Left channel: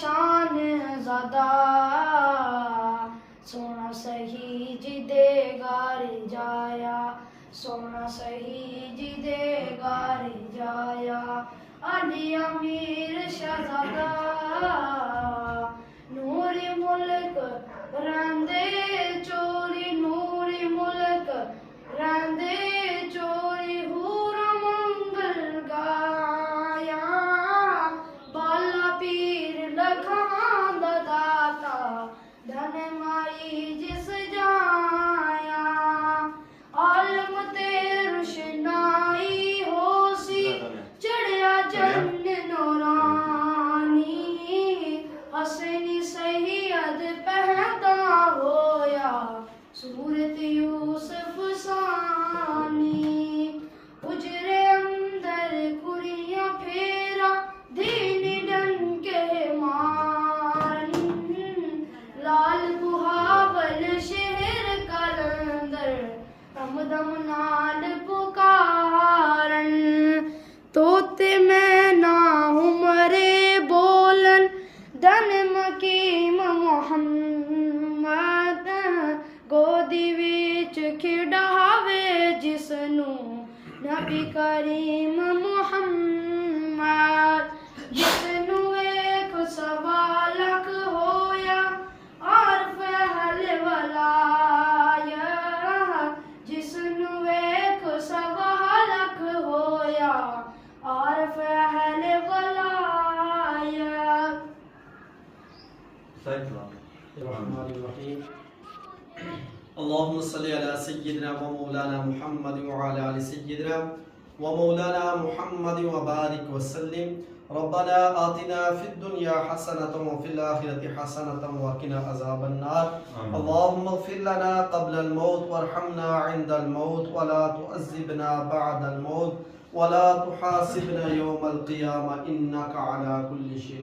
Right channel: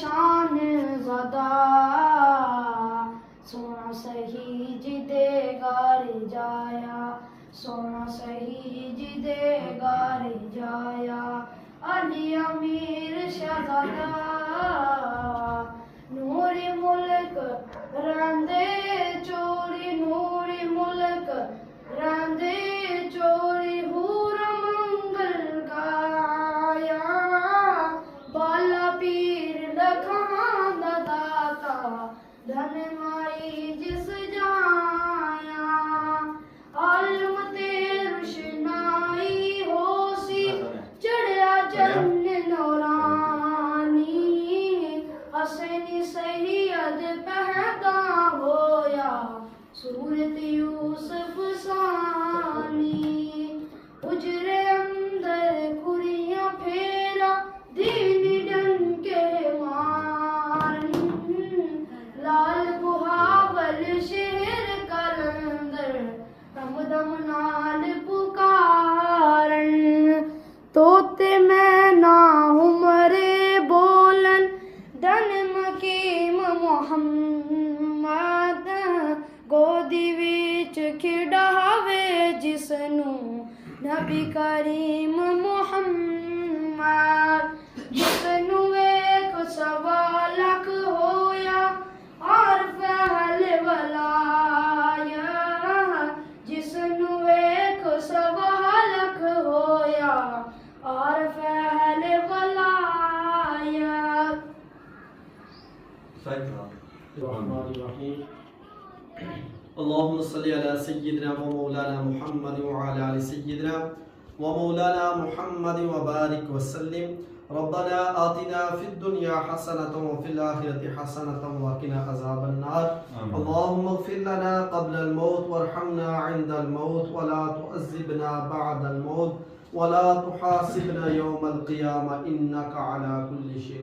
शान ज़दा सोना सही जिदे गारे जाया सोना सही जिदे गारे जाया अली अमीर शहज़ादा नूरी मुल्क रंदे चोरी नूरी मुल्क रंदे चोरी हूर मंगल गाया बाला पीर लखां दा दाता धन माई जिस जाया आलम ते रुशनाई होसी चढ़िया जन्न नूरानी हसनी सैयद पैदा होया सूरत यूसुफ सानी उजरे अंदर कुरियां फेरा दीनी डंके मारन लाल बुहावल शहर कलंदर दम नाल पुकारन तोते मैं ना उमरे बोलन दन मकीम मुहम्मद गोदी विच खिडावे जिसनू नबी करीम मुहम्मद जिसनू एक सवा लख होया और फहल वलाया जिसनू एक सवा लख होया और फहल वलाया अल्लाहुम्मा सल्ली अला सय्यिदिना व मौलाना मुहम्मद व अला आलि सय्यिदिना व मौलाना मुहम्मद व बारिक व सल्लिम रब्बना आतिना फिद दुनिया हसनतन व फिल आखिरति हसनतन व क़िना अज़ाबन नार अल्लाहुम्मा इग़फिर लना क़ब्ल अल मौत वरहमना इंदा अल मौत व ला तुअज़्ज़िबना बअद अल मौत व ला तुहासिबना यौम अल क़ियामह इन्नका अला कुल्लि शै